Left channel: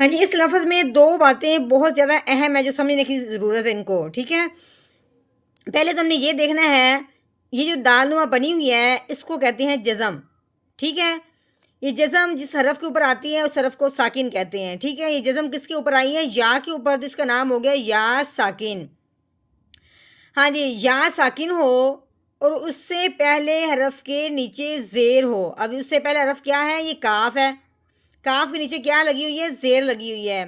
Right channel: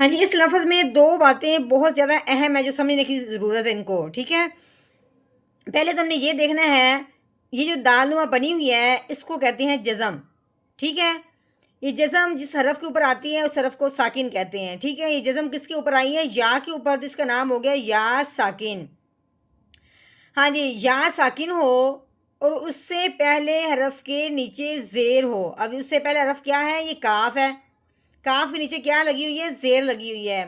ہاں جی، اس لفظ میں دو باتیں بہت زیادہ اہم ہے جو سمجھنے کی ضرورت ہے ان کو، ٹھیک ہے؟ پہلے تو ہم نے یہ دیکھنا ہے، یہ جو دال نما بنی ہوئی ہے اس کو کہتے ہیں جزم، ٹھیک ہے؟ یہ جزم جس حرف کے اوپر آتی ہے اس حرف کو ساکن کہتے ہیں، ٹھیک ہے؟ یہ جزم کس کے اوپر آئی ہے؟ یا کے اوپر، جس کا نام ہو گیا یا ساکن۔ ہاں جی، یا ساکن ہو اور اس سے پہلے حرف کے نیچے زیر ہو۔ اب اس سے پہلے حرف کیا ہے؟ یہ کاف ہے، کاف کے نیچے کیا لگی ہوئی ہے؟ زیر لگی ہوئی ہے۔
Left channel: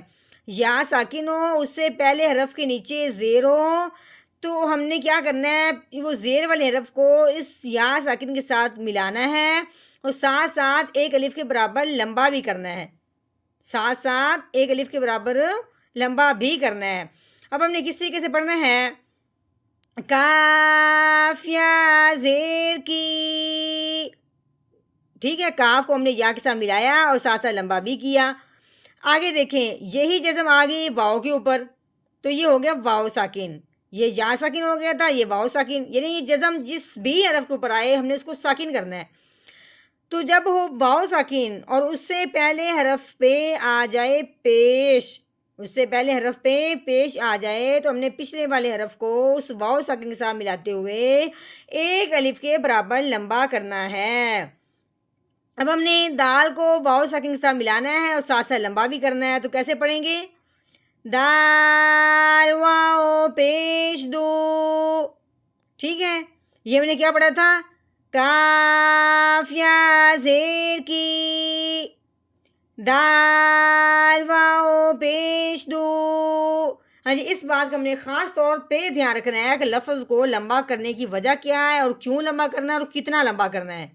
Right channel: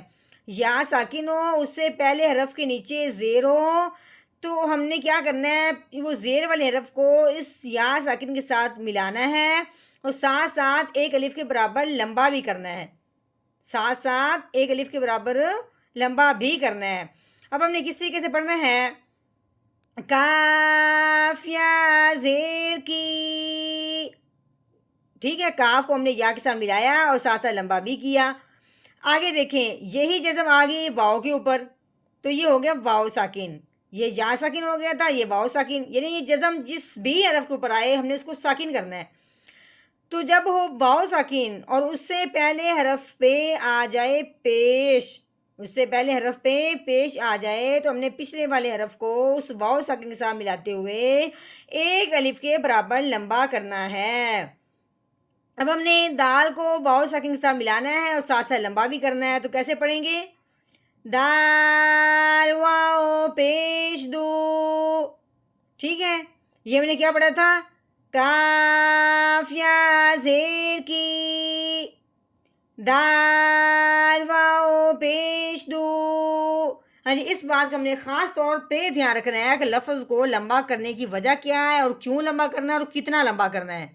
یا ساکن ہو، اس سے پہلے حرف کے نیچے زیر ہو، تو ہم نے کیا کرنا ہے؟ وہ زیر والے حرف کو اس یا ساکن کے ساتھ ملانا ہے اور ساتھ ساتھ ایک الف کے برابر لمبا بھی کرنا ہے، ساتھ ساتھ ایک الف کے برابر لمبا بھی کرنا ہے۔ اب ہم نے کس طریقے سے پڑھنا ہے؟ کاف یا زیر کی، ٹھیک ہے؟ کاف کو ہم نے یا کے ساتھ ملایا اور ساتھ ساتھ لمبا بھی کیا۔ آگے دیکھیں، یہی جزم آ گئی واؤ کے اوپر، تو یہ ہو گیا واؤ ساکن۔ یہ یا ساکن ہو گیا تھا، یہ واؤ ساکن، یعنی یہ جزم جس بھی حرف کے اوپر آئے ہم نے اس کو ساکن کرنا ہے۔ تو جب ہو واؤ ساکن اور اس سے پہلے حرف پہ آ جائے پیش، اس سے پہلے حرف پہ پیش آ جائے تو ہم نے پچھلے والے حرف کو اس واؤ ساکن کے ساتھ ملاتے ہوئے ایک الف کے برابر لمبا کرنا ہے۔ اب ہم نے دال کو واؤ ساکن کے ساتھ ملانا ہے اور ساتھ ساتھ لمبا بھی کرنا ہے، تو کیسے پڑھیں گے؟ دال واؤ پیش دو، ٹھیک ہے؟ یہ ہم نے کیا پڑھا تھا؟ کاف یا زیر کی، دال واؤ پیش دو۔ ہاں جی، اس بات کا ہم نے خاص طور پہ دھیان رکھنا ہے کہ لفظ کو لمبا کرنے کی وجہ کیا ہے اور کیوں لمبا کرنا ہے اور کتنا لمبا کرنا ہے۔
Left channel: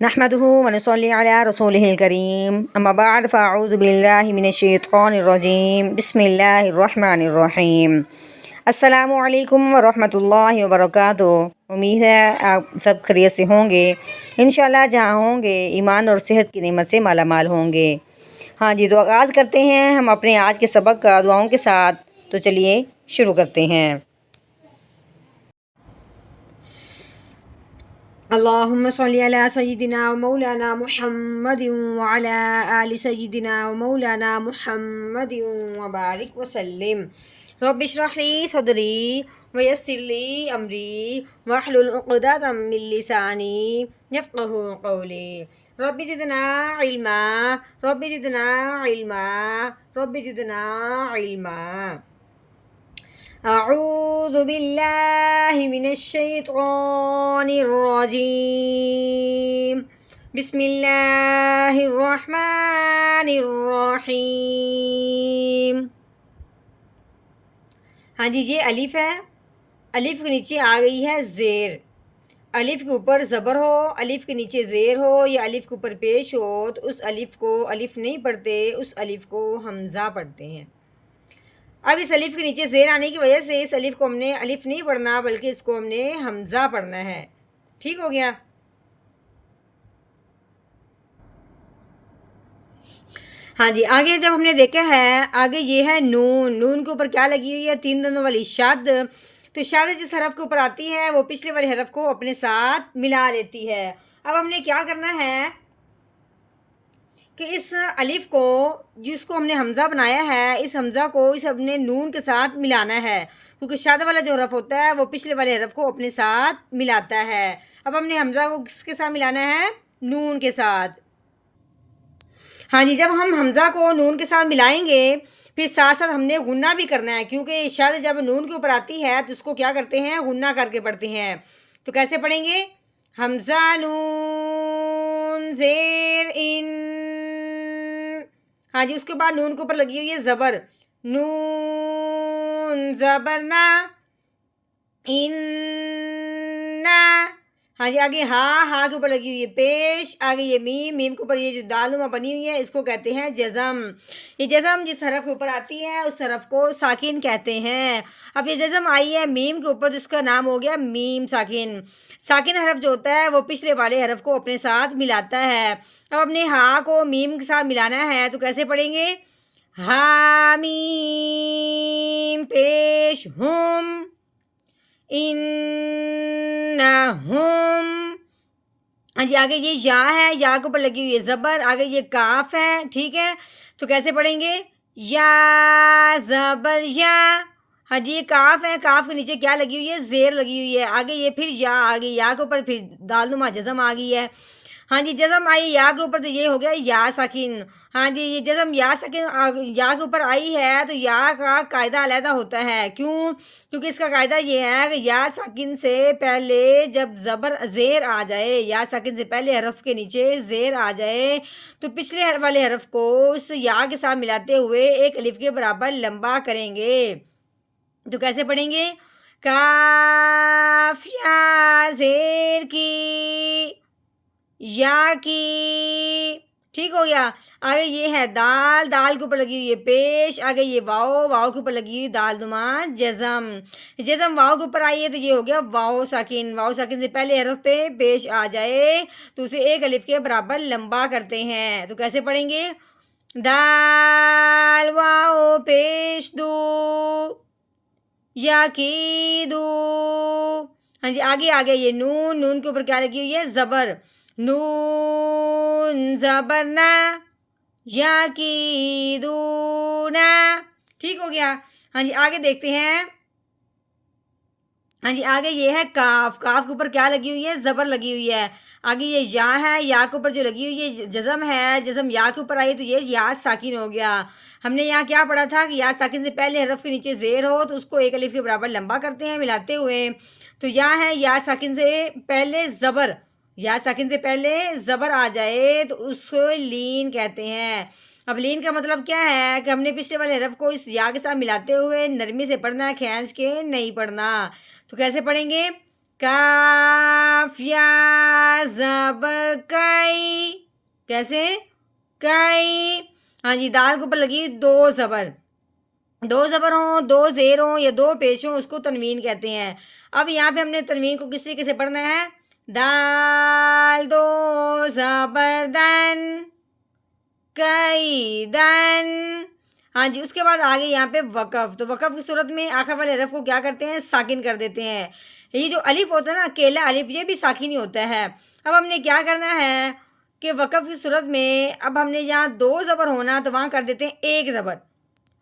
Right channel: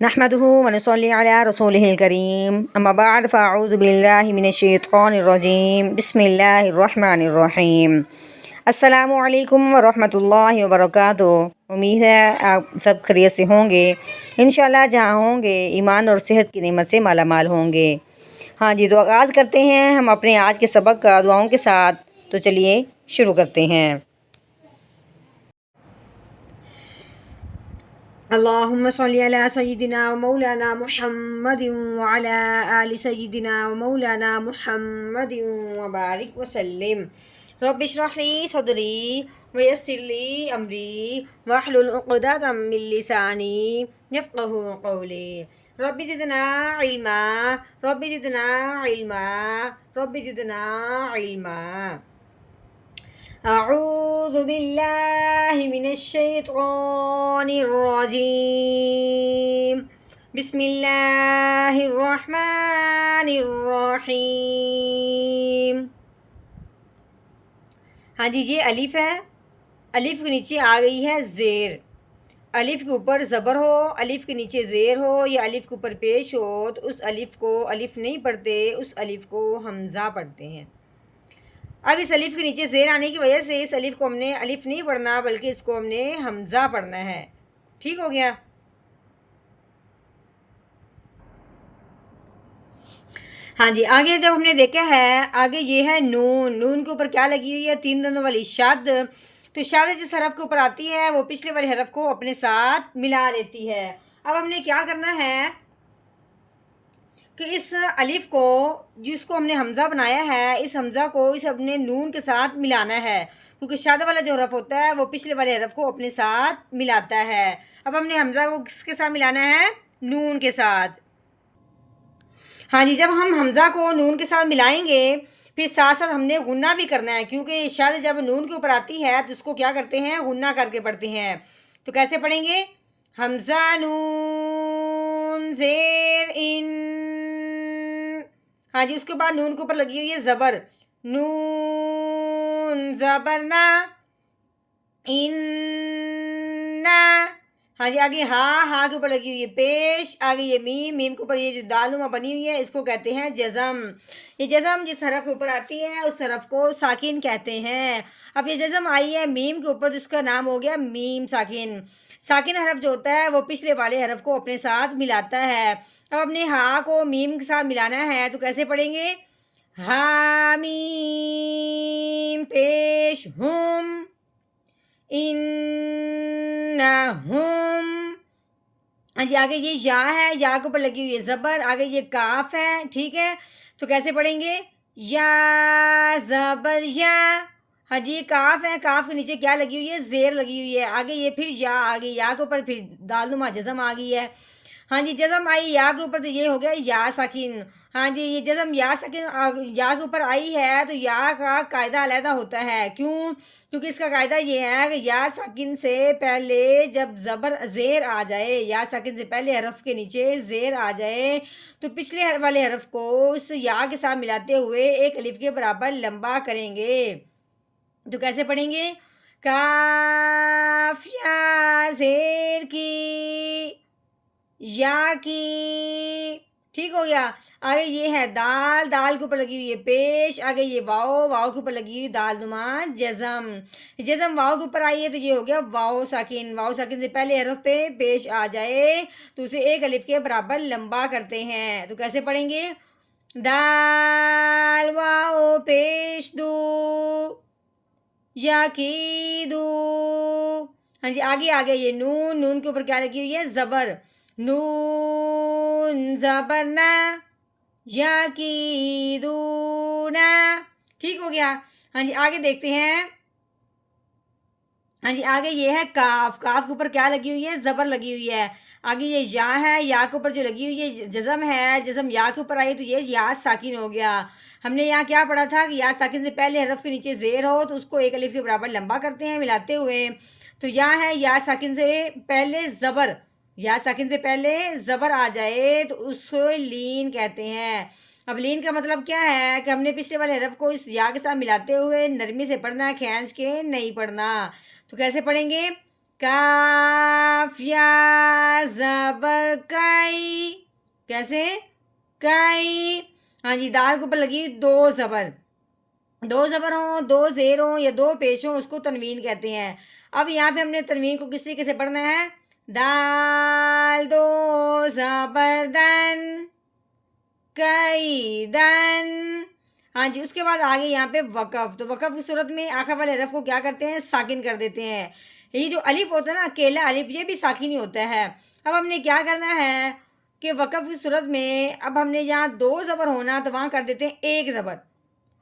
نحمده ونصلي على رسوله الكريم، اما بعد فاعوذ باللہ من الشیطان الرجیم، بسم اللہ الرحمن الرحیم۔ السلام علیکم ورحمۃ اللہ وبرکاتہ۔ امید ہے آپ سب خیریت سے ہوں گے، انشاءاللہ جہاں ہوں گے ایمان اور صحت کی نعمت سے مالا مال ہوں گے۔ ہاں جی، تو آغاز کرتے ہیں ہم اپنے آج کے سبق کا دعاؤں کے ساتھ، تو چلیے شروع کرتے ہیں۔ اللہم صلی علی سیدنا و مولانا محمد وعلی آل سیدنا و مولانا محمد وبارک وسلم۔ رب اشرح لی صدری ویسر لی امری واحلل عقدۃ من لسانی یفقہوا قولی۔ رب زدنا علما، رب زدنا علما، رب زدنا علما۔ اعوذ باللہ من الشیطان الرجیم، بسم اللہ الرحمن الرحیم۔ ہاں جی، یہ الف ہے، الف کے نیچے آ گئی ہے زیر، الف کے اوپر زبر ہو، الف کے نیچے زیر ہو یا الف کے اوپر پیش ہو تو اس الف کو الف نہیں پڑھتے، اس الف کو حمزہ پڑھتے ہیں۔ اب اس الف کے نیچے زیر آنے کی وجہ سے اس الف کو ہم نے الف نہیں پڑھنا بلکہ اس کو ہم نے حمزہ پڑھنا ہے، ٹھیک ہو گیا؟ ہاں جی، آگے جب ہم نے دیکھا ہے، آگے یہ ہے نون، نون کے اوپر کیا لگی ہوئی ہے؟ تین دنوں والی شد، تو شد جس حرف کے اوپر آتی ہے وہ پچھلے والے حرف کو اپنے ساتھ ملا لیتی ہے۔ اب ہم نے کیا کرنا ہے کہ اس الف کو جس کو ہم نے حمزہ بنایا ہے، اس حمزہ کو اس اپنے نون کے ساتھ ملانا ہے، کیونکہ شادہ والا جو حرف ہوتا ہے وہ پچھلے والے حرف کو اپنے ساتھ ملاتا ہے۔ اب ہم نے حمزہ کو کس کے ساتھ ملانا ہے؟ نون کے ساتھ۔ ہاں جی، جب ہم حمزہ کو نون کے ساتھ ملائیں گے پھر ساتھ ساتھ ہم نے غنہ بھی کرنا ہے، کیونکہ شد جب نون کے اوپر آتی ہے تو اس کو کیا کرتے ہیں؟ غنہ کر کے پڑھتے ہیں۔ تو کیسے پڑھیں گے؟ حمزہ نون زیر ان، ہاں جی، اس کے بعد نون کے اوپر لگی ہوئی ہے زبر، نون زبر نا، ان، ہاں جی، آگے ہاں کے اوپر لگی ہوئی ہے پیش، آگے یہ میم، میم کے اوپر یہ جو دال نما بنی ہوئی ہے اس کو کہتے ہیں جزم۔ یہ جزم جس حرف کے اوپر آتی ہے اس حرف کو ساکن کہتے ہیں۔ اب یہ جزم آئی ہے میم کے اوپر جس کا نام ہو گیا میم ساکن۔ ساکن حرف جو ہوتا ہے وہ پچھلے والے حرف کو اپنے ساتھ ملاتا ہے۔ اب اپنے ہاں کو میم کے ساتھ ملانا ہے تو کیسے پڑھیں گے؟ حامیم پیش ہم، انہم، ہاں جی آگے یہ یا ہے، یا کے اوپر لگی ہوئی ہے زبر، آگے یہ کاف ہے، ٹھیک ہے، تو کیسے پڑھیں گے؟ یا زبر یا، ہاں جی یہ کاف ہے، کاف کے نیچے کیا لگی ہوئی ہے؟ زیر لگی ہوئی ہے، آگے یہ پھر یا آگے، یا کے اوپر پھر دال نما جزم آ گئی ہے، ہاں جی جزم آئی یا کے اوپر تو یہ ہو گیا یا ساکن، ہاں جی یہ جزم یا ساکن یا کے اوپر آئی ہے تو یا کا قاعدہ علیحدہ ہوتا ہے، کیوں؟ کیونکہ اس کا قاعدہ یہ ہے کہ یا ساکن سے پہلے جب زبر زیر آ جائے، یا ساکن سے پہلے حرف کے نیچے زیر آ جائے تو پچھلے والے حرف کو اس یا کے ساتھ ملاتے ہوئے ایک الف کے برابر لمبا کریں گے، تو کیسے پڑھیں گے؟ کاف یا زیر کی، یا کی، ٹھیک ہو گیا، آگے یہ ہے دال، دال کے اوپر لگی ہوئی ہے پیش، آگے یہ واؤ، واؤ کے اوپر لگی ہوئی دال نما جزم، جزم واؤ کے اوپر آئی ہے تو یہ ہو گیا واؤ ساکن، واؤ ساکن سے پہلے حرف پہ پیش آ جائے تو اسے ایک الف کے برابر لمبا کرتے ہیں، تو کیسے پڑھیں گے؟ دال واؤ پیش دو یا کی دو، ہاں جی آگے آگے یہ نون، نون کے اوپر کیا لگی ہوئی ہے؟ زبر، نون زبر نا، یا کی دو نا، ٹھیک ہو گیا، ہاں جی آگے دیکھتے ہیں، ہاں جی آگے یہ ہے کاف، کاف کے اوپر کیا لگی ہوئی ہے؟ زبر لگی ہوئی ہے، آگے یہ یا ہے، یا کے اوپر جو لگی ہوئی ہے جزم ہے، جزم یا کے اوپر آئی تو یہ یا ساکن ہو گیا، ہم نے یہاں کیا پڑھا تھا کہ یا ساکن سے پہلے حرف کے نیچے زیر ہو تو اس کو ایک الف کے برابر لمبا کرتے ہیں ملاتے ہوئے، تو یا ہے یا ساکن سے پہلے زبر، یا ساکن سے پہلے زبر آ جائے تو اس کو لین کہتے ہیں، اب لین کا مطلب کیا ہے کہ ہم نے پچھلے والے حرف کو اس یا کے ساتھ ملاتے ہوئے نرمی سے پڑھنا ہے، کھینچ کے نہیں پڑھنا، تو کیسے پڑھیں گے؟ کاف یا زبر کئی، کیسے؟ کئی، ہاں جی دال کے اوپر لگی دو زبر، دو زبر ہوں، دو زیر ہوں یا دو پیش ہوں اس کو تنوین کہتے ہیں، اب یہاں پہ ہم نے تنوین کو کس طریقے سے پڑھنا ہے؟ دال دو زبر دن، کئی دن، ہاں جی اس کے بعد آگے یہاں پہ وقف، تو وقف کی صورت میں آخر والے حرف کو کیا کرتے ہیں؟ ساکن کر دیتے ہیں، یہ جو الف ہوتا ہے نا اکیلا الف یہ بھی ساکن ہی ہوتا ہے، اب ہم نے کیا کرنا ہے کہ وقف کی صورت میں اب ہم نے یہاں دو زبر ہونا تو وہاں کر دیتے ہیں ایک زبر،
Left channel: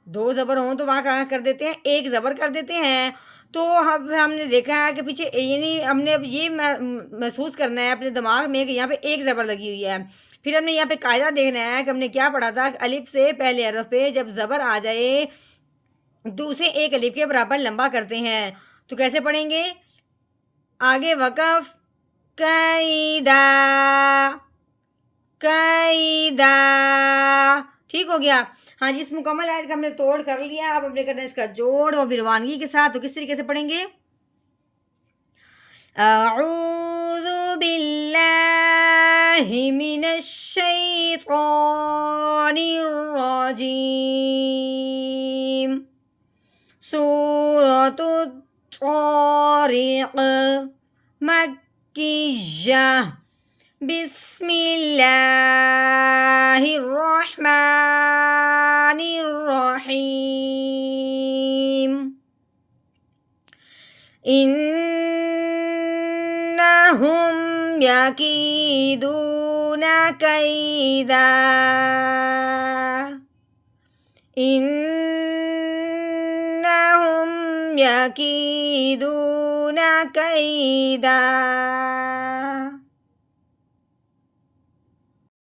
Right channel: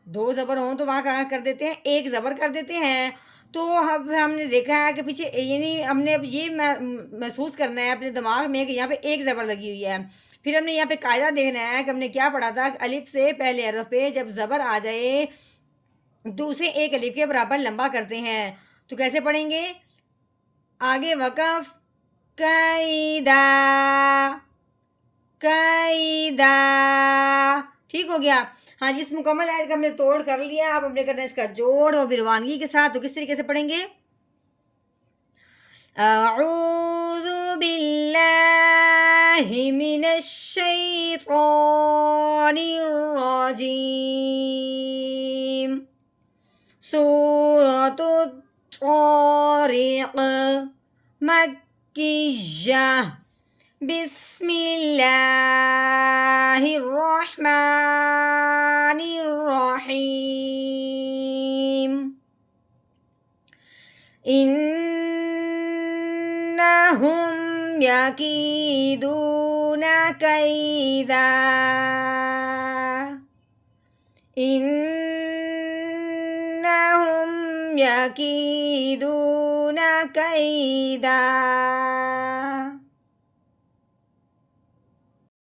دو زبر ہوں تو وہاں کہاں کر دیتے ہیں؟ ایک زبر کر دیتے ہیں، تو ہم نے دیکھا ہے کہ پیچھے یعنی ہم نے اب یہ محسوس کرنا ہے اپنے دماغ میں کہ یہاں پہ ایک زبر لگی ہوئی ہے، پھر ہم نے یہاں پہ قاعدہ دیکھنا ہے کہ ہم نے کیا پڑھا تھا کہ الف سے پہلے حرف پہ جب زبر آ جائے تو اسے ایک الف کے برابر لمبا کرتے ہیں، تو کیسے پڑھیں گے؟ آگے وقف قیدا، قیدا، ٹھیک ہو گیا، ہاں جی اس مکمل آیت کا ہم نے توڑ کر لیا، اب ہم نے کرنا ہے اس کا جوڑ اور روانگی کے ساتھ، تو کس طریقے سے پڑھیں گے؟ اعوذ باللہ من الشیطان الرجیم، سورۃ الطارق مکیہ، بسم اللہ الرحمن الرحیم، انہم یکیدون کیدا، انہم یکیدون کیدا،